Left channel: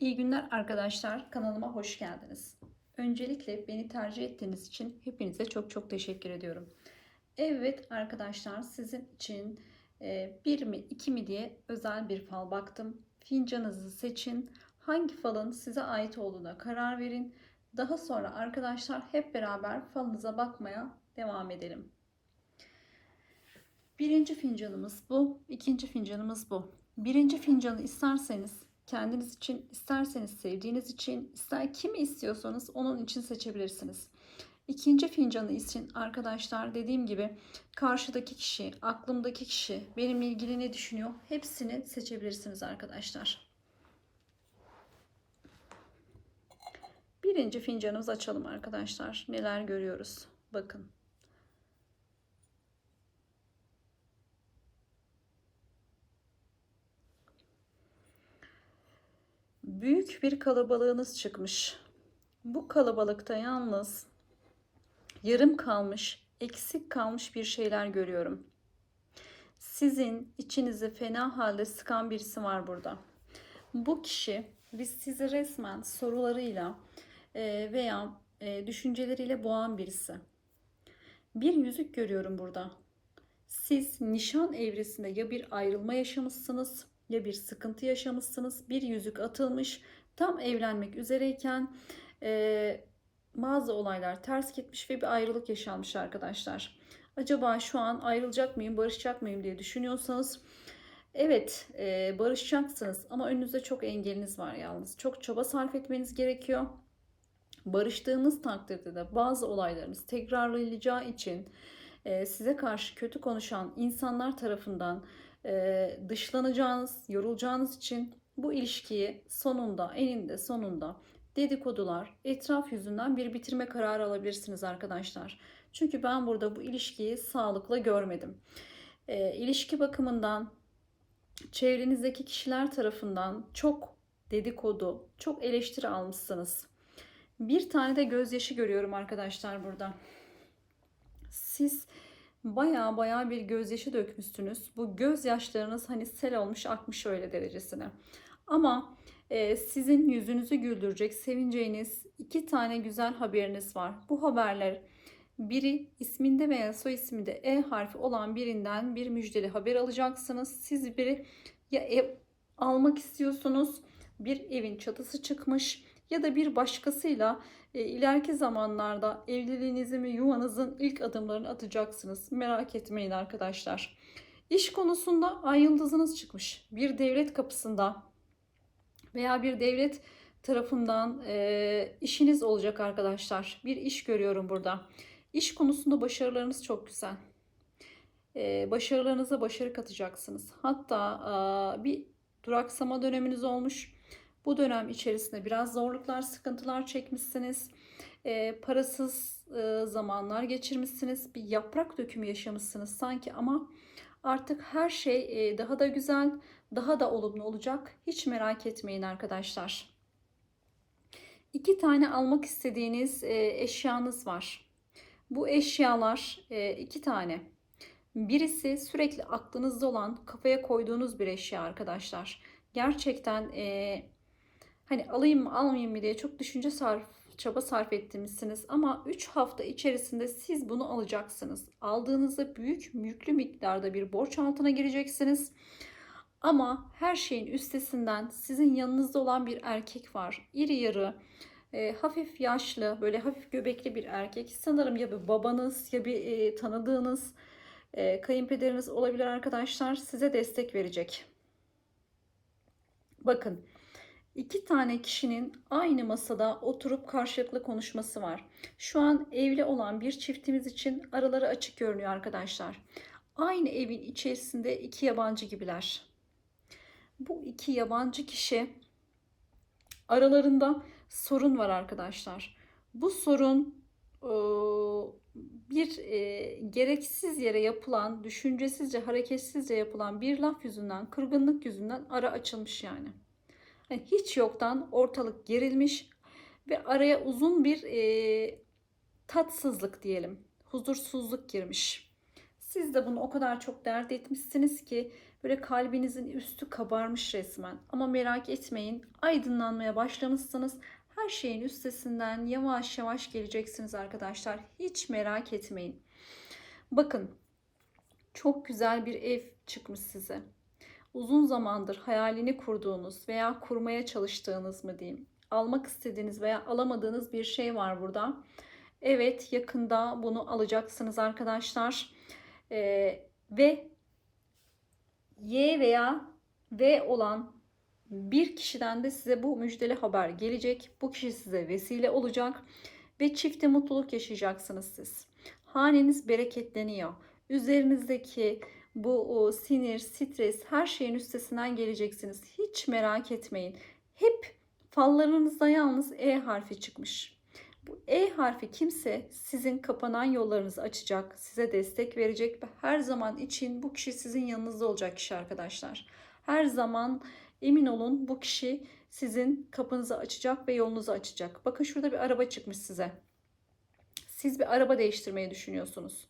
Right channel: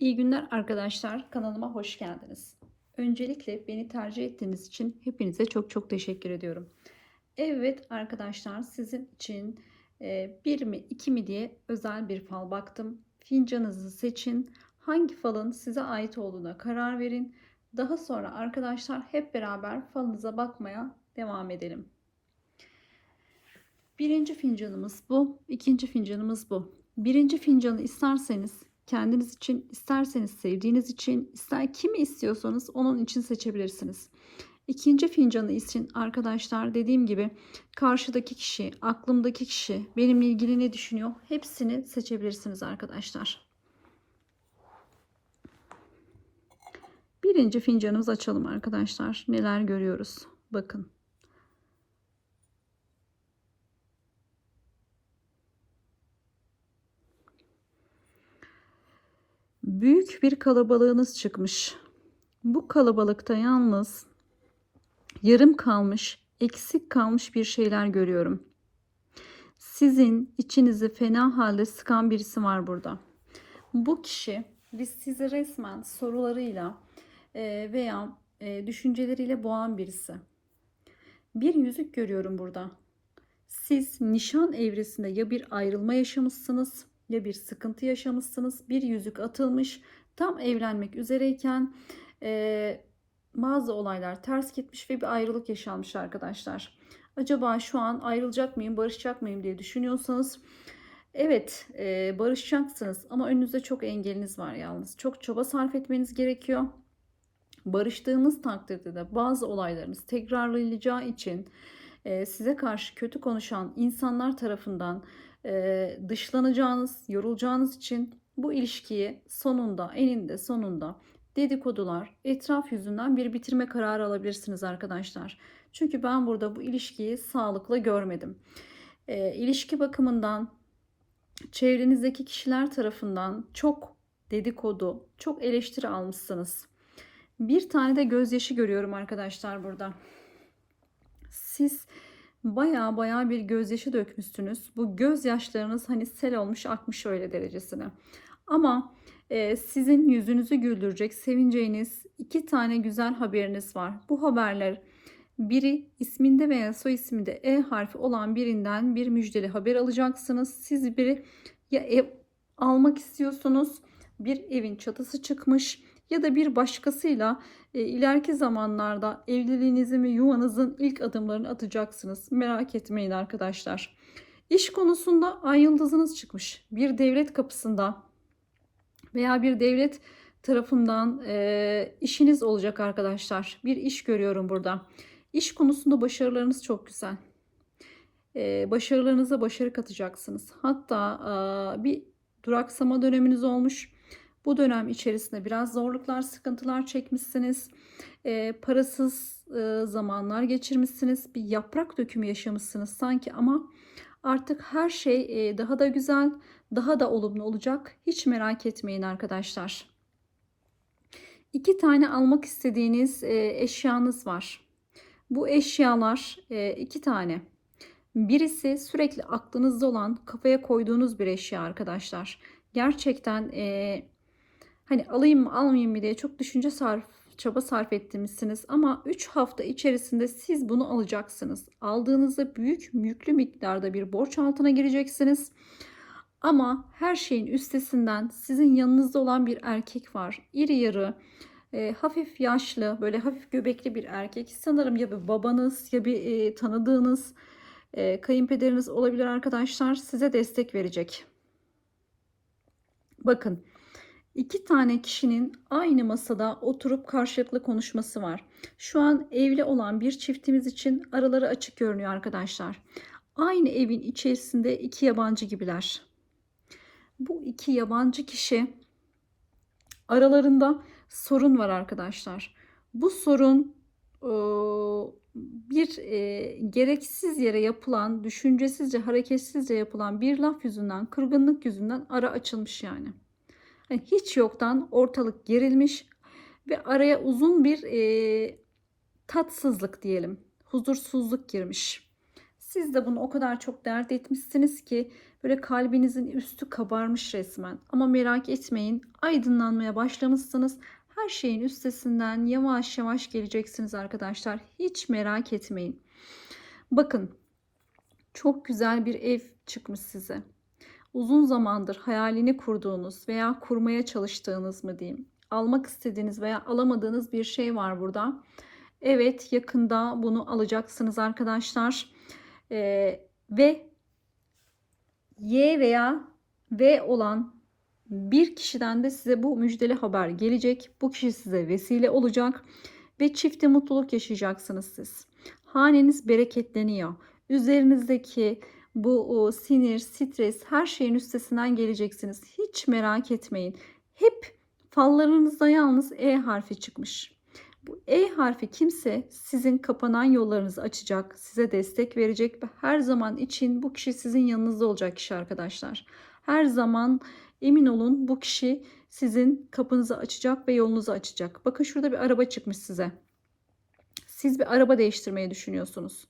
İyi günler arkadaşlar. Kanalıma hoş geldiniz. Öncelikle beni tercih ettiğiniz için hepinize çok çok teşekkür ediyorum. Evet arkadaşlar sizin için e, bir mi iki mi diye özel bir fal baktım. Fincanınızı seçin. Hangi falın size ait olduğuna karar verin. Daha sonra arkadaşlar hep beraber falınıza bakmaya devam edelim. Birinci fincanımız bu. ikinci fincanımız bu. Birinci fincanı isterseniz kendiniz için, isterseniz sevdiğiniz için, ister kimi istiyorsanız onun için seçebilirsiniz. İkinci fincanı için arkadaşlar dediğim gibi karşıdaki kişi, aklımdaki kişi benimle ilgili ne düşünüyor hepsini seçebilirsiniz arkadaşlar. Birinci fincanımızı açalım arkadaşlar. Neler görüyoruz? Bakın. Büyük bir kalabalığınız çıkmış. Bu kalabalıkta yalnız yarım kalmış, eksik kalmış bir şeyler görüyorum. Sizin içinizi fena halde sıkan birisi var burada. Bu kişi biz sizi resmen sorularıyla e, veya e, düşünceleriyle boğan birisi. Bir yüzük görüyorum burada. Siz nişan evresinde ya bir ayrılma yaşamışsınız ya bir sıkıntı yaşamışsınız. Bir yüzük atılmış. Tam evlenmek üzereyken e, bazı olaylar ters gitmiş ve bir ayrılık yaşanmış arkadaşlar. Acaba şu an ayrılacak mıyım, barışacak mıyım diye düşünüyorsanız evet e, barışacaksınız ama önünüzde çok engeliniz var yalnız. Çok çaba sarf etmeniz gerekiyor. Barıştığımız takdirde de bazı olaylarınız tekrarlayacağı için e, size karşı kötü konuşan insanlar tarafından e, dışlanacağınız, yorulacağınız için bu ilişkiyi sonunda, eninde sonunda dedikodular, etraf yüzünden bir bitirme kararı alabilirsiniz arkadaşlar. Çünkü ben burada bu ilişkiyi sağlıklı görmedim. E, ilişki bakımından çevrenizdeki kişiler tarafından çok dedikodu, çok eleştiri almışsınız. Bir tane de gözyaşı görüyorum arkadaşlar burada. Siz baya baya bir gözyaşı dökmüşsünüz. Bu gözyaşlarınız hani sel olmuş akmış öyle derecesine. Ama e, sizin yüzünüzü güldürecek sevineceğiniz iki tane güzel haberiniz var. Bu haberler biri isminde veya soy isminde E harfi olan birinden bir müjdeli haber alacaksınız. Siz biri ya ev almak istiyorsunuz, bir evin çatısı çıkmış ya da bir başkasıyla e, ileriki zamanlarda evliliğinizin ve yuvanızın ilk adımlarını atacaksınız. Merak etmeyin arkadaşlar. İş konusunda ay yıldızınız çıkmış. Bir devlet kapısında veya bir devlet tarafından e, işiniz olacak arkadaşlar. Bir iş görüyorum burada. İş konusunda başarılarınız çok güzel. E, başarılarınıza başarı katacaksınız. Hatta e, bir duraksama döneminiz olmuş. Bu dönem içerisinde biraz zorluklar, sıkıntılar çekmişsiniz. E, parasız e, zamanlar geçirmişsiniz. Bir yaprak dökümü yaşamışsınız sanki ama artık her şey e, daha da güzel, daha da olumlu olacak. Hiç merak etmeyin arkadaşlar. İki tane almak istediğiniz e, eşyanız var. Bu eşyalar e, iki tane. Birisi sürekli aklınızda olan, kafaya koyduğunuz bir eşya arkadaşlar. Gerçekten e, hani alayım mı almayayım mı diye çok düşünce sarf, çaba sarf etmişsiniz. Ama 3 hafta içerisinde siz bunu alacaksınız. Aldığınızda büyük yüklü miktarda bir borç altına gireceksiniz. Ama her şeyin üstesinden sizin yanınızda olan bir erkek var. İri yarı, e, hafif yaşlı, böyle hafif göbekli bir erkek. Sanırım ya bir babanız ya bir e, tanıdığınız e, kayınpederiniz olabilir arkadaşlar. Size destek verecek. Bakın iki tane kişinin aynı masada oturup karşılıklı konuşması var. Şu an evli olan bir çiftimiz için araları açık görünüyor arkadaşlar. Aynı evin içerisinde iki yabancı gibiler. Bu iki yabancı kişi aralarında sorun var arkadaşlar. Bu sorun bir gereksiz yere yapılan, düşüncesizce, hareketsizce yapılan bir laf yüzünden, kırgınlık yüzünden ara açılmış yani. Yani hiç yoktan ortalık gerilmiş ve araya uzun bir e, tatsızlık diyelim, huzursuzluk girmiş. Siz de bunu o kadar çok dert etmişsiniz ki Böyle kalbinizin üstü kabarmış resmen. Ama merak etmeyin. Aydınlanmaya başlamışsınız. Her şeyin üstesinden yavaş yavaş geleceksiniz arkadaşlar. Hiç merak etmeyin. Bakın çok güzel bir ev çıkmış size. Uzun zamandır hayalini kurduğunuz veya kurmaya çalıştığınız mı diyeyim. Almak istediğiniz veya alamadığınız bir şey var burada. Evet yakında bunu alacaksınız arkadaşlar. Ee, ve Y veya V olan bir kişiden de size bu müjdeli haber gelecek. Bu kişi size vesile olacak ve çifte mutluluk yaşayacaksınız siz. Haneniz bereketleniyor. Üzerinizdeki bu o, sinir, stres her şeyin üstesinden geleceksiniz. Hiç merak etmeyin. Hep fallarınızda yalnız E harfi çıkmış. Bu E harfi kimse sizin kapanan yollarınızı açacak, size destek verecek ve her zaman için bu kişi sizin yanınızda olacak kişi arkadaşlar. Her zaman emin olun bu kişi sizin kapınızı açacak ve yolunuzu açacak. Bakın şurada bir araba çıkmış size. Siz bir araba değiştirmeyi düşünüyorsunuz.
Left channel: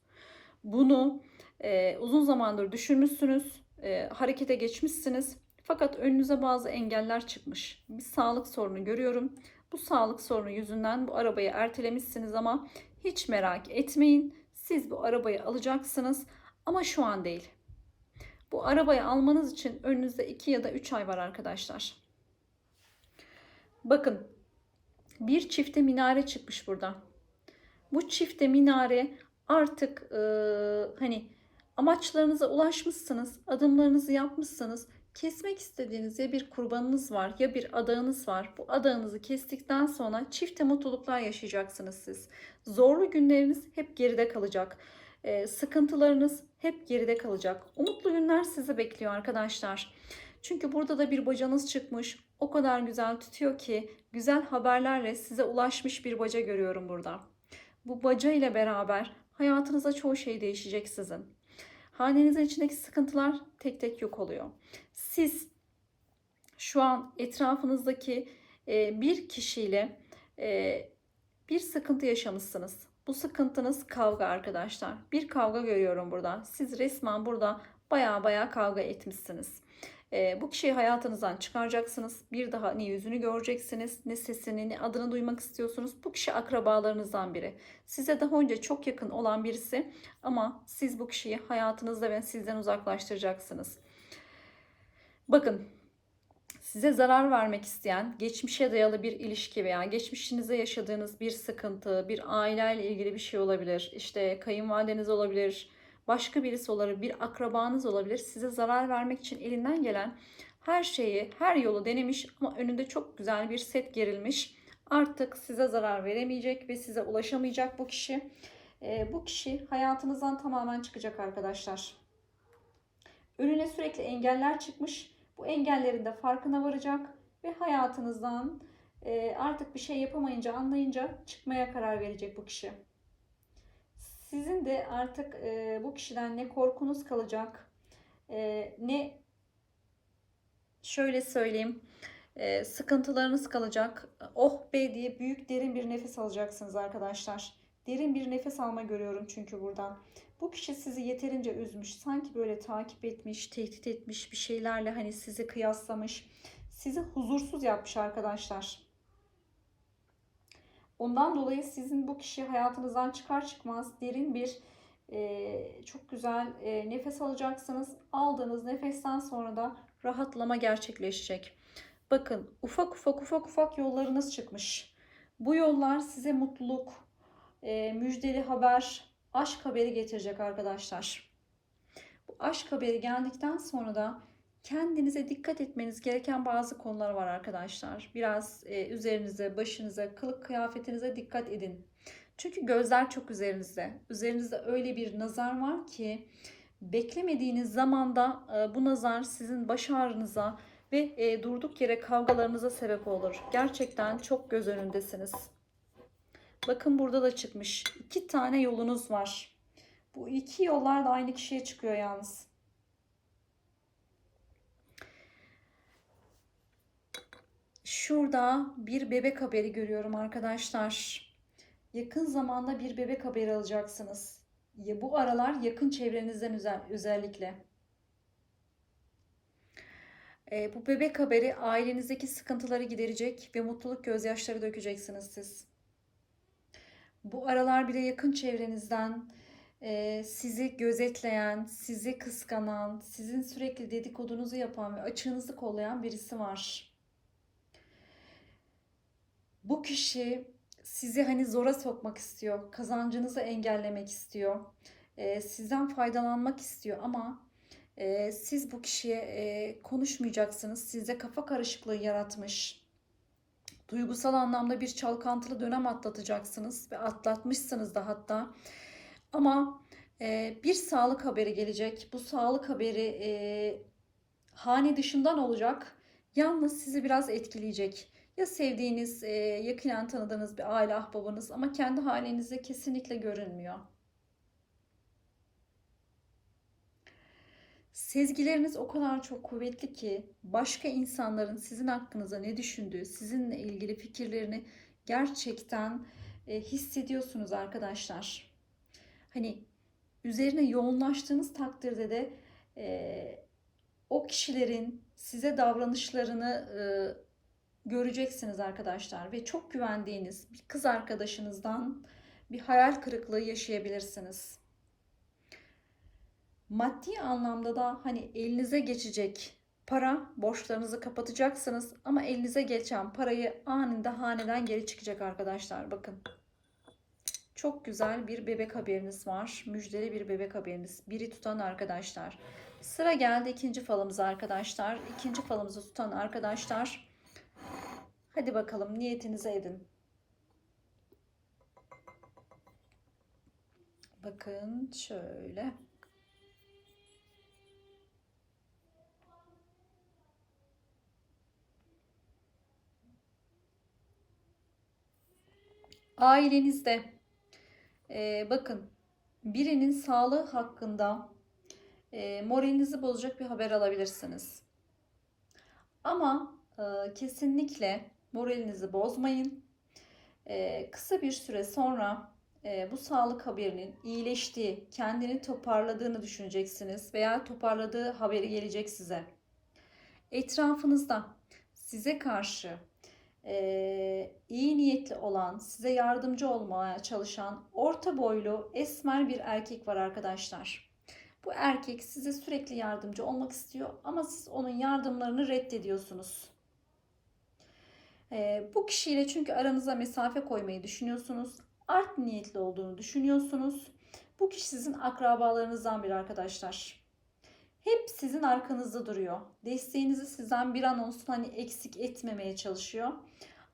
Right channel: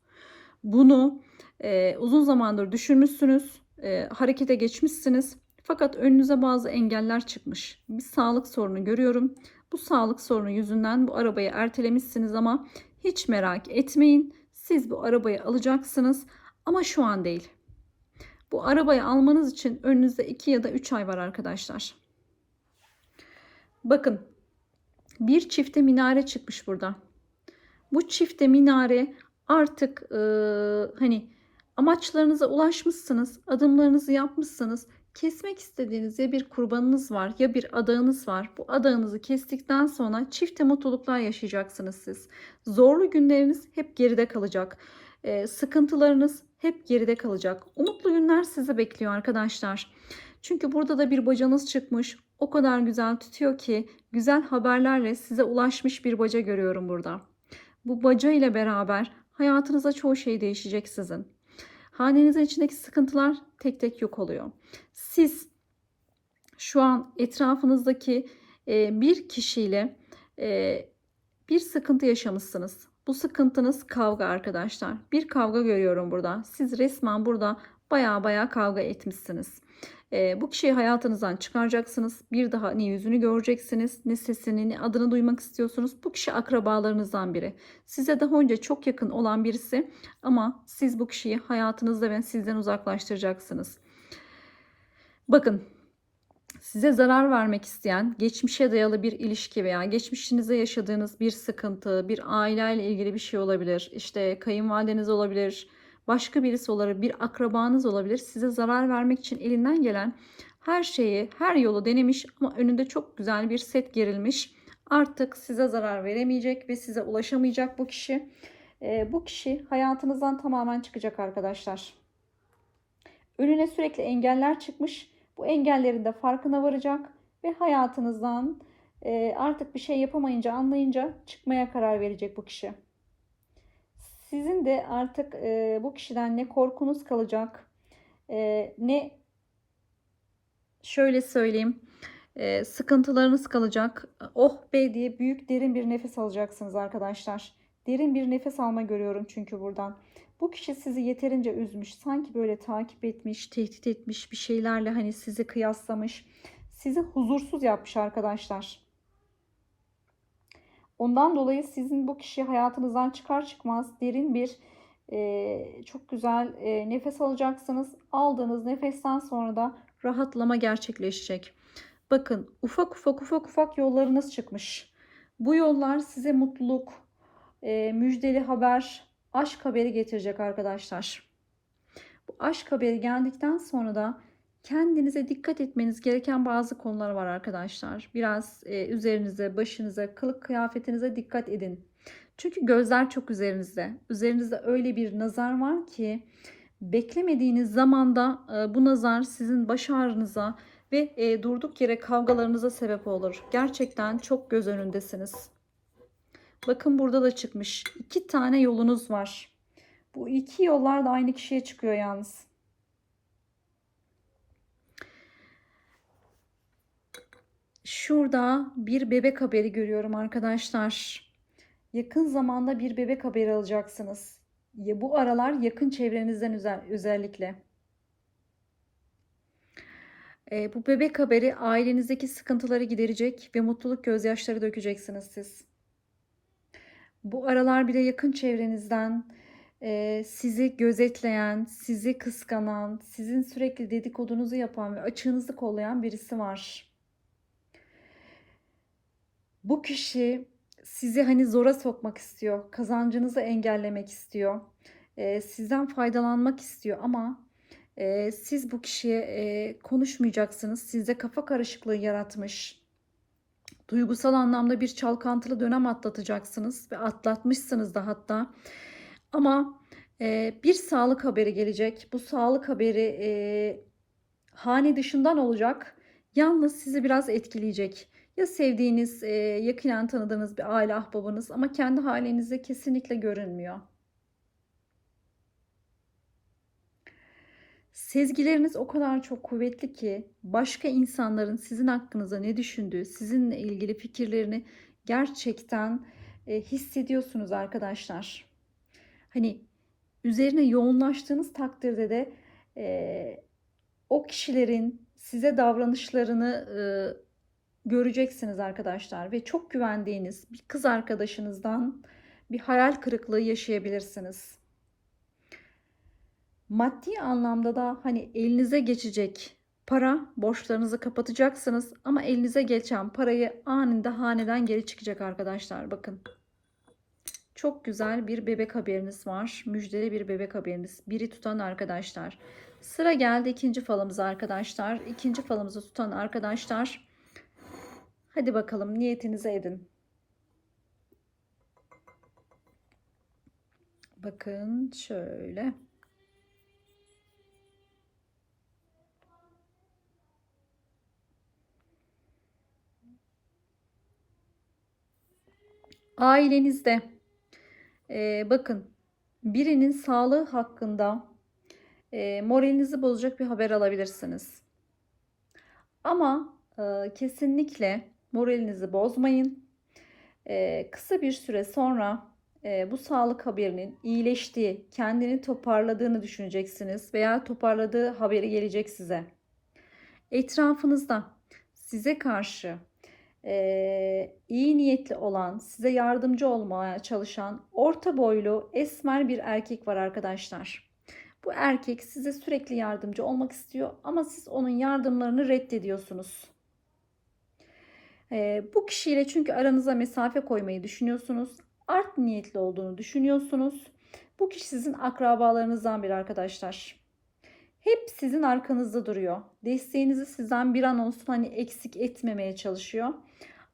Bunu e, uzun zamandır düşünmüşsünüz, e, harekete geçmişsiniz. Fakat önünüze bazı engeller çıkmış. Bir sağlık sorunu görüyorum. Bu sağlık sorunu yüzünden bu arabayı ertelemişsiniz ama hiç merak etmeyin. Siz bu arabayı alacaksınız ama şu an değil. Bu arabayı almanız için önünüzde 2 ya da 3 ay var arkadaşlar. Bakın bir çifte minare çıkmış burada. Bu çifte minare artık e, hani amaçlarınıza ulaşmışsınız, adımlarınızı yapmışsınız. Kesmek istediğiniz ya bir kurbanınız var ya bir adağınız var. Bu adağınızı kestikten sonra çifte mutluluklar yaşayacaksınız siz. Zorlu günleriniz hep geride kalacak. E, sıkıntılarınız hep geride kalacak. Umutlu günler sizi bekliyor arkadaşlar. Çünkü burada da bir bacanız çıkmış. O kadar güzel tutuyor ki güzel haberlerle size ulaşmış bir baca görüyorum burada. Bu baca ile beraber hayatınızda çoğu şey değişecek sizin. Hanenizin içindeki sıkıntılar tek tek yok oluyor. Siz şu an etrafınızdaki e, bir kişiyle e, bir sıkıntı yaşamışsınız. Bu sıkıntınız kavga arkadaşlar. Bir kavga görüyorum burada. Siz resmen burada baya baya kavga etmişsiniz. E, bu kişiyi hayatınızdan çıkaracaksınız. Bir daha ne yüzünü göreceksiniz, ne sesini, ne adını duymak istiyorsunuz. Bu kişi akrabalarınızdan biri. Size daha önce çok yakın olan birisi ama siz bu kişiyi hayatınızda ve sizden uzaklaştıracaksınız. Bakın size zarar vermek isteyen, geçmişe dayalı bir ilişki veya geçmişinizde yaşadığınız bir sıkıntı, bir aileyle ilgili bir şey olabilir. İşte kayınvalideniz olabilir, başka birisi olabilir, bir akrabanız olabilir. Size zarar vermek için elinden gelen her şeyi, her yolu denemiş ama önünde çok güzel bir set gerilmiş. Artık size zarar veremeyecek ve size ulaşamayacak bu kişi. Ee, bu kişi hayatınızdan tamamen çıkacak arkadaşlar. Önüne sürekli engeller çıkmış. Bu engellerin de farkına varacak ve hayatınızdan e, artık bir şey yapamayınca anlayınca çıkmaya karar verecek bu kişi. Sizin de artık e, bu kişiden ne korkunuz kalacak e, ne şöyle söyleyeyim e, sıkıntılarınız kalacak. Oh be diye büyük derin bir nefes alacaksınız arkadaşlar. Derin bir nefes alma görüyorum çünkü buradan. Bu kişi sizi yeterince üzmüş. Sanki böyle takip etmiş, tehdit etmiş bir şeylerle hani sizi kıyaslamış. Sizi huzursuz yapmış arkadaşlar. Ondan dolayı sizin bu kişi hayatınızdan çıkar çıkmaz derin bir e, çok güzel e, nefes alacaksınız. Aldığınız nefesten sonra da rahatlama gerçekleşecek. Bakın ufak ufak ufak ufak yollarınız çıkmış. Bu yollar size mutluluk, e, müjdeli haber, aşk haberi getirecek arkadaşlar. Bu aşk haberi geldikten sonra da kendinize dikkat etmeniz gereken bazı konular var arkadaşlar. Biraz e, üzerinize, başınıza, kılık kıyafetinize dikkat edin. Çünkü gözler çok üzerinizde. Üzerinizde öyle bir nazar var ki beklemediğiniz zamanda e, bu nazar sizin baş ağrınıza ve e, durduk yere kavgalarınıza sebep olur. Gerçekten çok göz önündesiniz. Bakın burada da çıkmış. İki tane yolunuz var. Bu iki yollar da aynı kişiye çıkıyor yalnız. Şurada bir bebek haberi görüyorum arkadaşlar. Yakın zamanda bir bebek haberi alacaksınız. Ya bu aralar yakın çevrenizden özellikle. Ee, bu bebek haberi ailenizdeki sıkıntıları giderecek ve mutluluk gözyaşları dökeceksiniz siz. Bu aralar bir de yakın çevrenizden e, sizi gözetleyen, sizi kıskanan, sizin sürekli dedikodunuzu yapan ve açığınızı kollayan birisi var. Bu kişi sizi hani zora sokmak istiyor, kazancınızı engellemek istiyor, e, sizden faydalanmak istiyor ama e, siz bu kişiye e, konuşmayacaksınız. Sizde kafa karışıklığı yaratmış. Duygusal anlamda bir çalkantılı dönem atlatacaksınız ve atlatmışsınız da hatta. Ama e, bir sağlık haberi gelecek. Bu sağlık haberi e, hane dışından olacak. Yalnız sizi biraz etkileyecek. Ya sevdiğiniz, e, yakinen tanıdığınız bir aile ahbabınız ama kendi halinizde kesinlikle görünmüyor. Sezgileriniz o kadar çok kuvvetli ki başka insanların sizin hakkınızda ne düşündüğü, sizinle ilgili fikirlerini gerçekten e, hissediyorsunuz arkadaşlar. Hani üzerine yoğunlaştığınız takdirde de e, o kişilerin size davranışlarını e, göreceksiniz arkadaşlar ve çok güvendiğiniz bir kız arkadaşınızdan bir hayal kırıklığı yaşayabilirsiniz. Maddi anlamda da hani elinize geçecek para borçlarınızı kapatacaksınız ama elinize geçen parayı anında haneden geri çıkacak arkadaşlar bakın. Çok güzel bir bebek haberiniz var. Müjdeli bir bebek haberiniz. Biri tutan arkadaşlar. Sıra geldi ikinci falımıza arkadaşlar. İkinci falımızı tutan arkadaşlar. Hadi bakalım niyetinize edin. Bakın şöyle. Ailenizde e, bakın birinin sağlığı hakkında e, moralinizi bozacak bir haber alabilirsiniz. Ama e, kesinlikle moralinizi bozmayın. E, kısa bir süre sonra e, bu sağlık haberinin iyileştiği, kendini toparladığını düşüneceksiniz veya toparladığı haberi gelecek size. Etrafınızda size karşı e, iyi niyetli olan, size yardımcı olmaya çalışan orta boylu esmer bir erkek var arkadaşlar. Bu erkek size sürekli yardımcı olmak istiyor ama siz onun yardımlarını reddediyorsunuz. E, bu kişiyle çünkü aranıza mesafe koymayı düşünüyorsunuz. Art niyetli olduğunu düşünüyorsunuz. Bu kişi sizin akrabalarınızdan bir arkadaşlar. Hep sizin arkanızda duruyor. Desteğinizi sizden bir an olsun hani eksik etmemeye çalışıyor.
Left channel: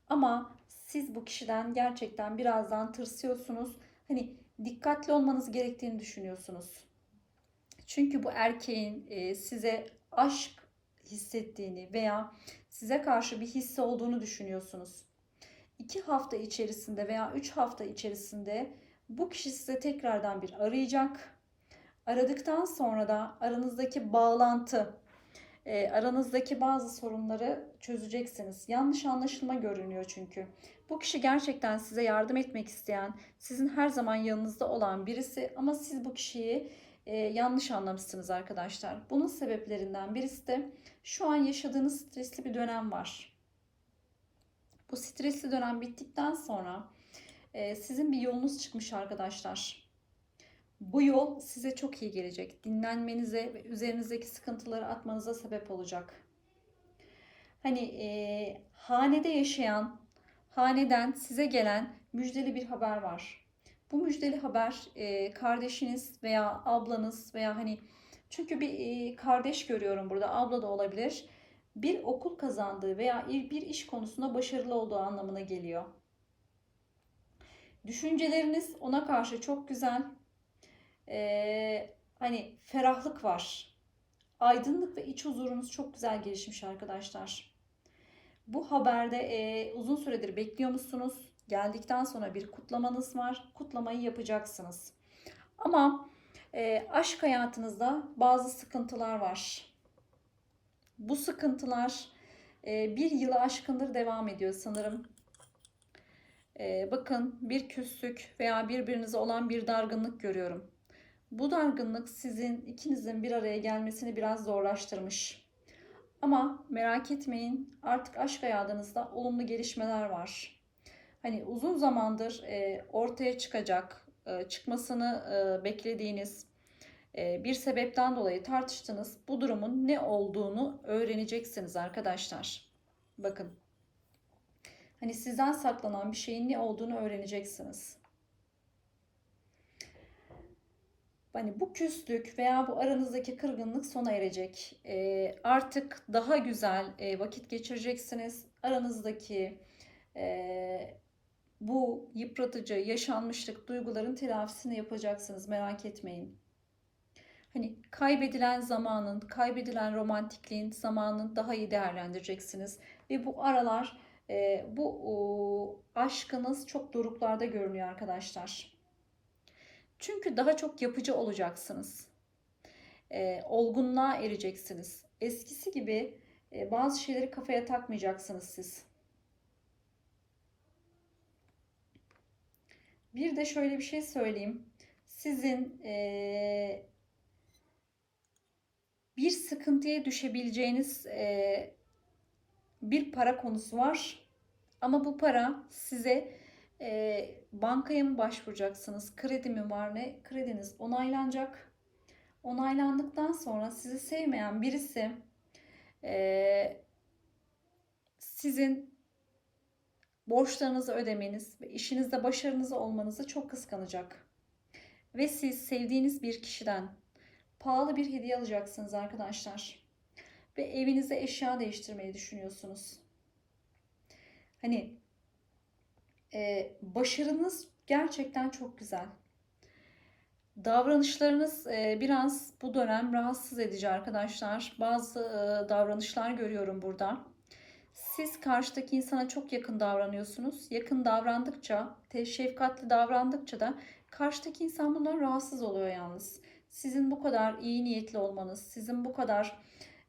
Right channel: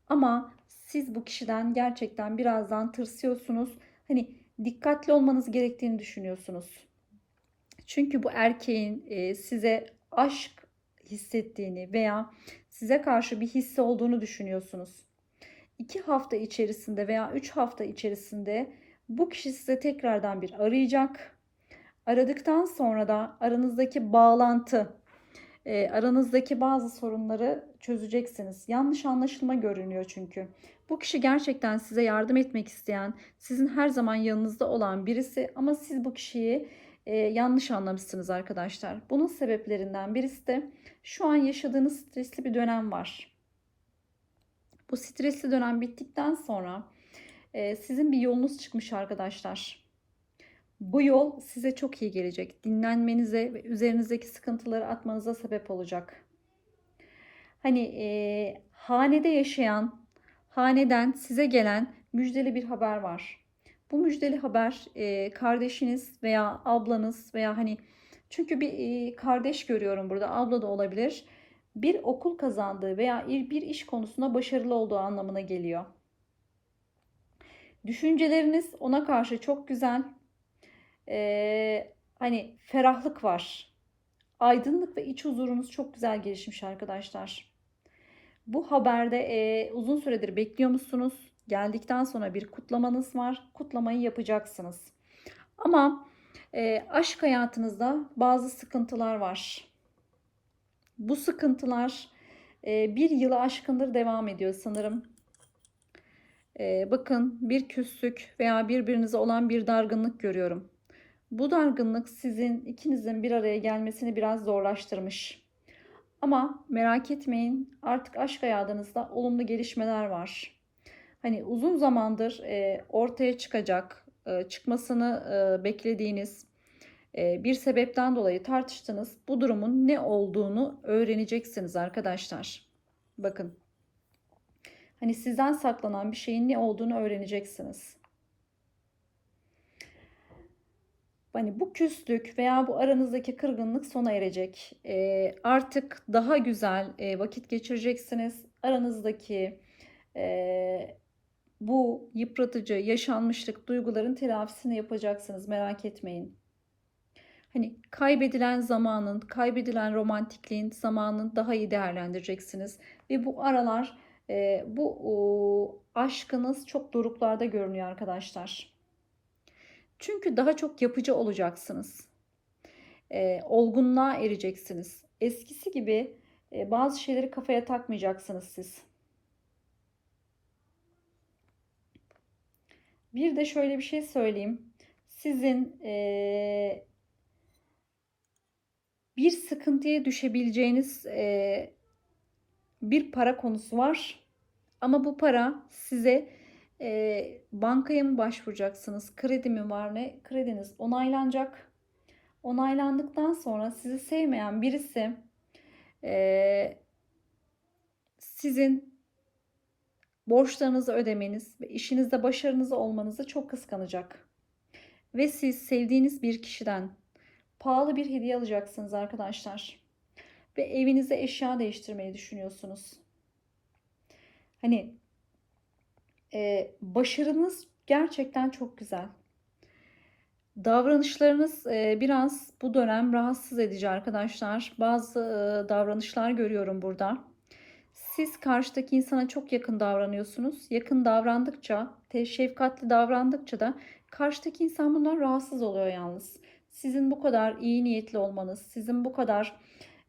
Ama siz bu kişiden gerçekten birazdan tırsıyorsunuz. Hani dikkatli olmanız gerektiğini düşünüyorsunuz. Çünkü bu erkeğin e, size aşk hissettiğini veya size karşı bir hissi olduğunu düşünüyorsunuz. 2 hafta içerisinde veya 3 hafta içerisinde bu kişi size tekrardan bir arayacak. Aradıktan sonra da aranızdaki bağlantı, e, aranızdaki bazı sorunları çözeceksiniz. Yanlış anlaşılma görünüyor çünkü. Bu kişi gerçekten size yardım etmek isteyen, sizin her zaman yanınızda olan birisi ama siz bu kişiyi e, yanlış anlamışsınız arkadaşlar. Bunun sebeplerinden birisi de şu an yaşadığınız stresli bir dönem var. Bu stresli dönem bittikten sonra e, sizin bir yolunuz çıkmış arkadaşlar. Bu yol size çok iyi gelecek. Dinlenmenize ve üzerinizdeki sıkıntıları atmanıza sebep olacak. Hani e, hanede yaşayan, haneden size gelen müjdeli bir haber var. Bu müjdeli haber e, kardeşiniz veya ablanız veya hani çünkü bir e, kardeş görüyorum burada abla da olabilir. Bir okul kazandığı veya bir iş konusunda başarılı olduğu anlamına geliyor. Düşünceleriniz ona karşı çok güzel. Ee, hani ferahlık var. Aydınlık ve iç huzurunuz çok güzel gelişmiş arkadaşlar. Bu haberde e, uzun süredir bekliyor musunuz? Geldikten sonra bir kutlamanız var. Kutlamayı yapacaksınız. Ama e, aşk hayatınızda bazı sıkıntılar var. Bu sıkıntılar e, bir yılı aşkındır devam ediyor sanırım. E, bakın bir küslük veya birbirinize olan bir dargınlık görüyorum. Bu dargınlık sizin ikinizin bir araya gelmesini biraz zorlaştırmış. Ama merak etmeyin artık aşk hayatınızda olumlu gelişmeler var. Hani uzun zamandır e, ortaya çıkacak, e, çıkmasını e, beklediğiniz e, bir sebepten dolayı tartıştınız. Bu durumun ne olduğunu öğreneceksiniz arkadaşlar. Bakın. Hani sizden saklanan bir şeyin ne olduğunu öğreneceksiniz. Hani bu küslük veya bu aranızdaki kırgınlık sona erecek. E, artık daha güzel e, vakit geçireceksiniz. Aranızdaki e, bu yıpratıcı yaşanmışlık duyguların telafisini yapacaksınız. Merak etmeyin. Hani kaybedilen zamanın, kaybedilen romantikliğin zamanını daha iyi değerlendireceksiniz. Ve bu aralar e, bu aşkınız çok doruklarda görünüyor arkadaşlar. Çünkü daha çok yapıcı olacaksınız. E, olgunluğa ereceksiniz. Eskisi gibi e, bazı şeyleri kafaya takmayacaksınız siz. Bir de şöyle bir şey söyleyeyim. Sizin e, bir sıkıntıya düşebileceğiniz e, bir para konusu var. Ama bu para size e, bankaya mı başvuracaksınız? Kredi mi var ne? Krediniz onaylanacak. Onaylandıktan sonra sizi sevmeyen birisi e, sizin borçlarınızı ödemeniz ve işinizde başarınız olmanızı çok kıskanacak. Ve siz sevdiğiniz bir kişiden pahalı bir hediye alacaksınız arkadaşlar. Ve evinize eşya değiştirmeyi düşünüyorsunuz. Hani e, başarınız gerçekten çok güzel. Davranışlarınız e, biraz bu dönem rahatsız edici arkadaşlar. Bazı e, davranışlar görüyorum burada. Siz karşıdaki insana çok yakın davranıyorsunuz. Yakın davrandıkça, şefkatli davrandıkça da karşıdaki insan bundan rahatsız oluyor yalnız. Sizin bu kadar iyi niyetli olmanız, sizin bu kadar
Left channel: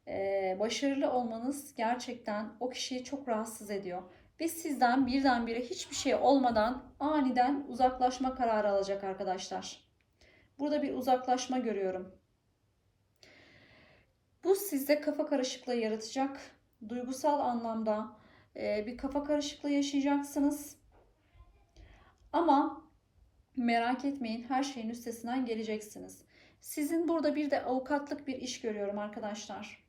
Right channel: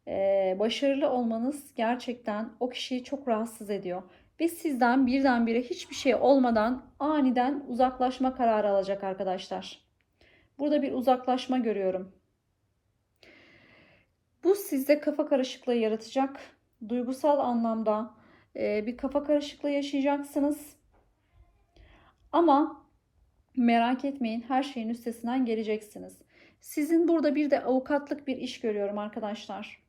e, başarılı olmanız gerçekten o kişiyi çok rahatsız ediyor. Ve sizden birdenbire hiçbir şey olmadan aniden uzaklaşma kararı alacak arkadaşlar. Burada bir uzaklaşma görüyorum. Bu sizde kafa karışıklığı yaratacak. Duygusal anlamda e, bir kafa karışıklığı yaşayacaksınız. Ama merak etmeyin her şeyin üstesinden geleceksiniz. Sizin burada bir de avukatlık bir iş görüyorum arkadaşlar.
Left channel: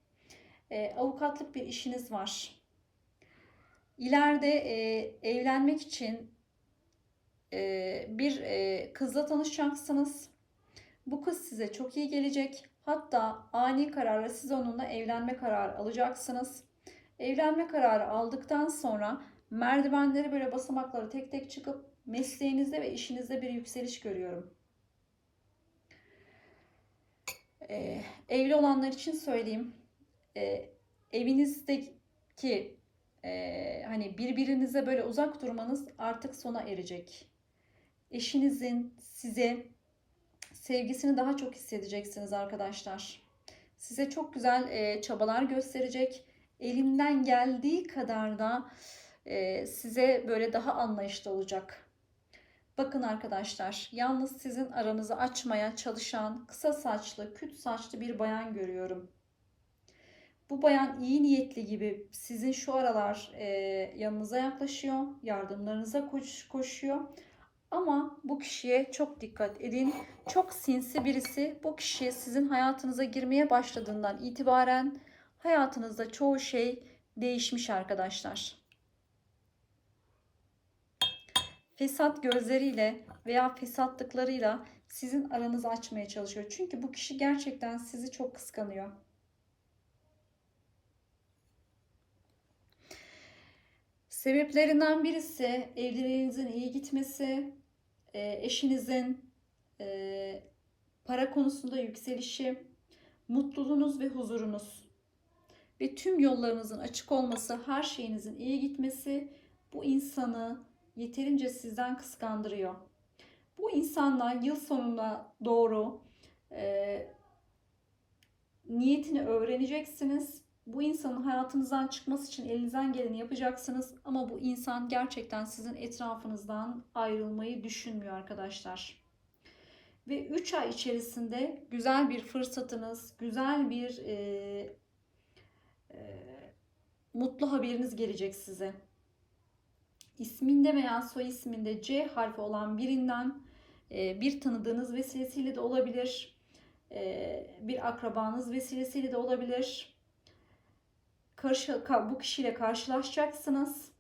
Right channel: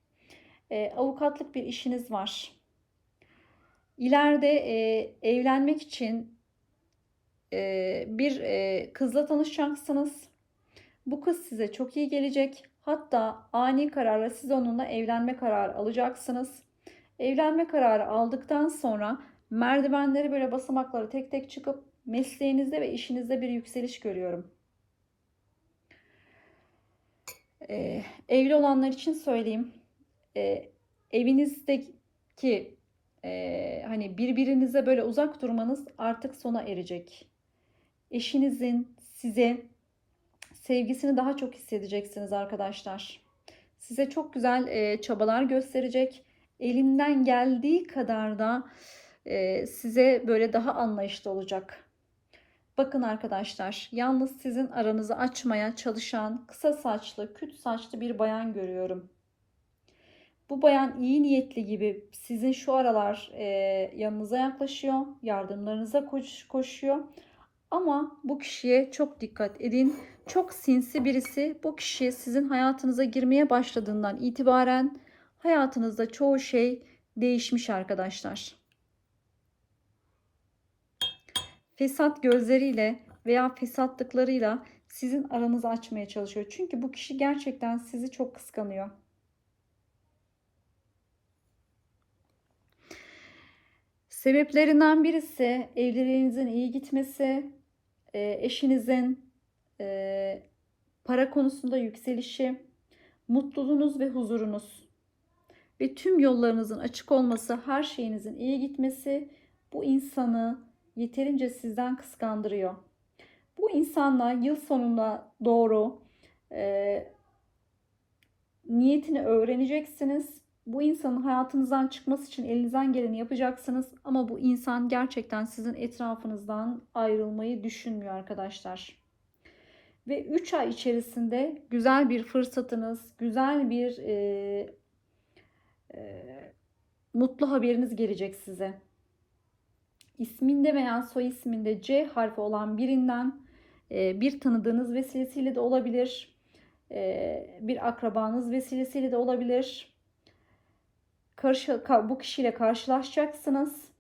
E, avukatlık bir işiniz var. İleride e, evlenmek için e, bir e, kızla tanışacaksınız. Bu kız size çok iyi gelecek. Hatta ani kararla siz onunla evlenme kararı alacaksınız. Evlenme kararı aldıktan sonra merdivenleri böyle basamakları tek tek çıkıp mesleğinizde ve işinizde bir yükseliş görüyorum. Ee, evli olanlar için söyleyeyim. Ee, evinizdeki e, hani birbirinize böyle uzak durmanız artık sona erecek. Eşinizin size sevgisini daha çok hissedeceksiniz arkadaşlar. Size çok güzel e, çabalar gösterecek. Elimden geldiği kadar da e, size böyle daha anlayışlı olacak. Bakın arkadaşlar, yalnız sizin aranızı açmaya çalışan kısa saçlı, küt saçlı bir bayan görüyorum. Bu bayan iyi niyetli gibi sizin şu aralar e, yanınıza yaklaşıyor, yardımlarınıza koş, koşuyor. Ama bu kişiye çok dikkat edin. Çok sinsi birisi bu kişi sizin hayatınıza girmeye başladığından itibaren hayatınızda çoğu şey değişmiş arkadaşlar. Fesat gözleriyle veya fesatlıklarıyla sizin aranızı açmaya çalışıyor. Çünkü bu kişi gerçekten sizi çok kıskanıyor. Sebeplerinden birisi evliliğinizin iyi gitmesi, e, eşinizin e, para konusunda yükselişi, mutluluğunuz ve huzurunuz ve tüm yollarınızın açık olması, her şeyinizin iyi gitmesi bu insanı yeterince sizden kıskandırıyor. Bu insanla yıl sonuna doğru e, niyetini öğreneceksiniz bu insanın hayatınızdan çıkması için elinizden geleni yapacaksınız ama bu insan gerçekten sizin etrafınızdan ayrılmayı düşünmüyor arkadaşlar. Ve 3 ay içerisinde güzel bir fırsatınız, güzel bir e, mutlu haberiniz gelecek size. İsminde veya soy isminde C harfi olan birinden e, bir tanıdığınız vesilesiyle de olabilir. E, bir akrabanız vesilesiyle de olabilir. Karşı, ka- bu kişiyle karşılaşacaksınız.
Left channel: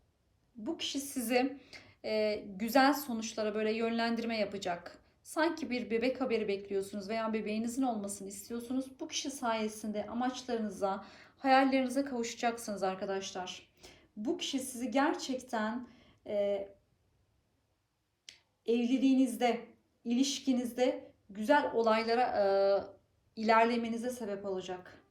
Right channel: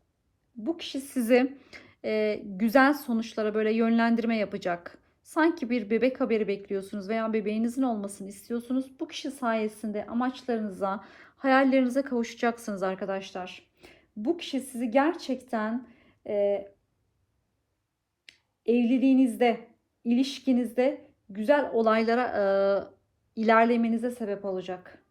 Bu kişi sizi e, güzel sonuçlara böyle yönlendirme yapacak. Sanki bir bebek haberi bekliyorsunuz veya bebeğinizin olmasını istiyorsunuz. Bu kişi sayesinde amaçlarınıza, hayallerinize kavuşacaksınız arkadaşlar. Bu kişi sizi gerçekten e, evliliğinizde, ilişkinizde güzel olaylara e, ilerlemenize sebep olacak.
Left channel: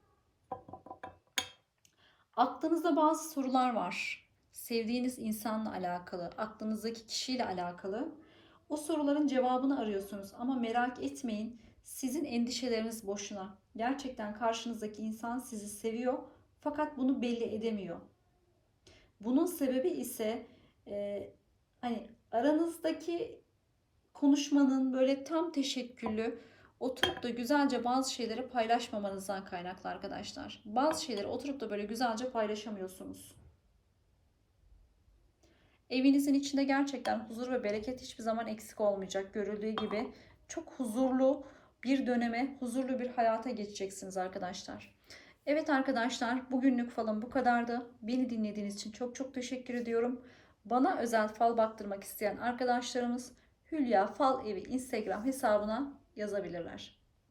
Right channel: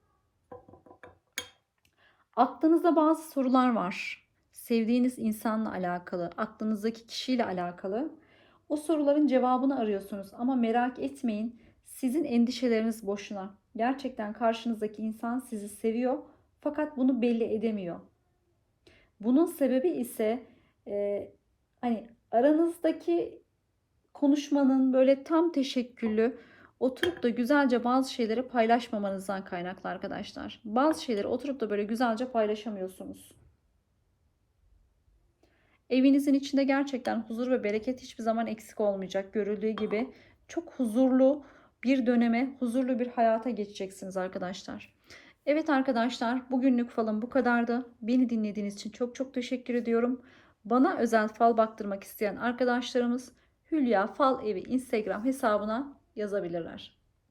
Aklınızda bazı sorular var. Sevdiğiniz insanla alakalı, aklınızdaki kişiyle alakalı. O soruların cevabını arıyorsunuz ama merak etmeyin. Sizin endişeleriniz boşuna. Gerçekten karşınızdaki insan sizi seviyor fakat bunu belli edemiyor. Bunun sebebi ise e, hani aranızdaki konuşmanın böyle tam teşekküllü oturup da güzelce bazı şeyleri paylaşmamanızdan kaynaklı arkadaşlar. Bazı şeyleri oturup da böyle güzelce paylaşamıyorsunuz. Evinizin içinde gerçekten huzur ve bereket hiçbir zaman eksik olmayacak. Görüldüğü gibi çok huzurlu bir döneme, huzurlu bir hayata geçeceksiniz arkadaşlar. Evet arkadaşlar bugünlük falım bu kadardı. Beni dinlediğiniz için çok çok teşekkür ediyorum. Bana özel fal baktırmak isteyen arkadaşlarımız Hülya Fal Evi Instagram hesabına yazabilirler.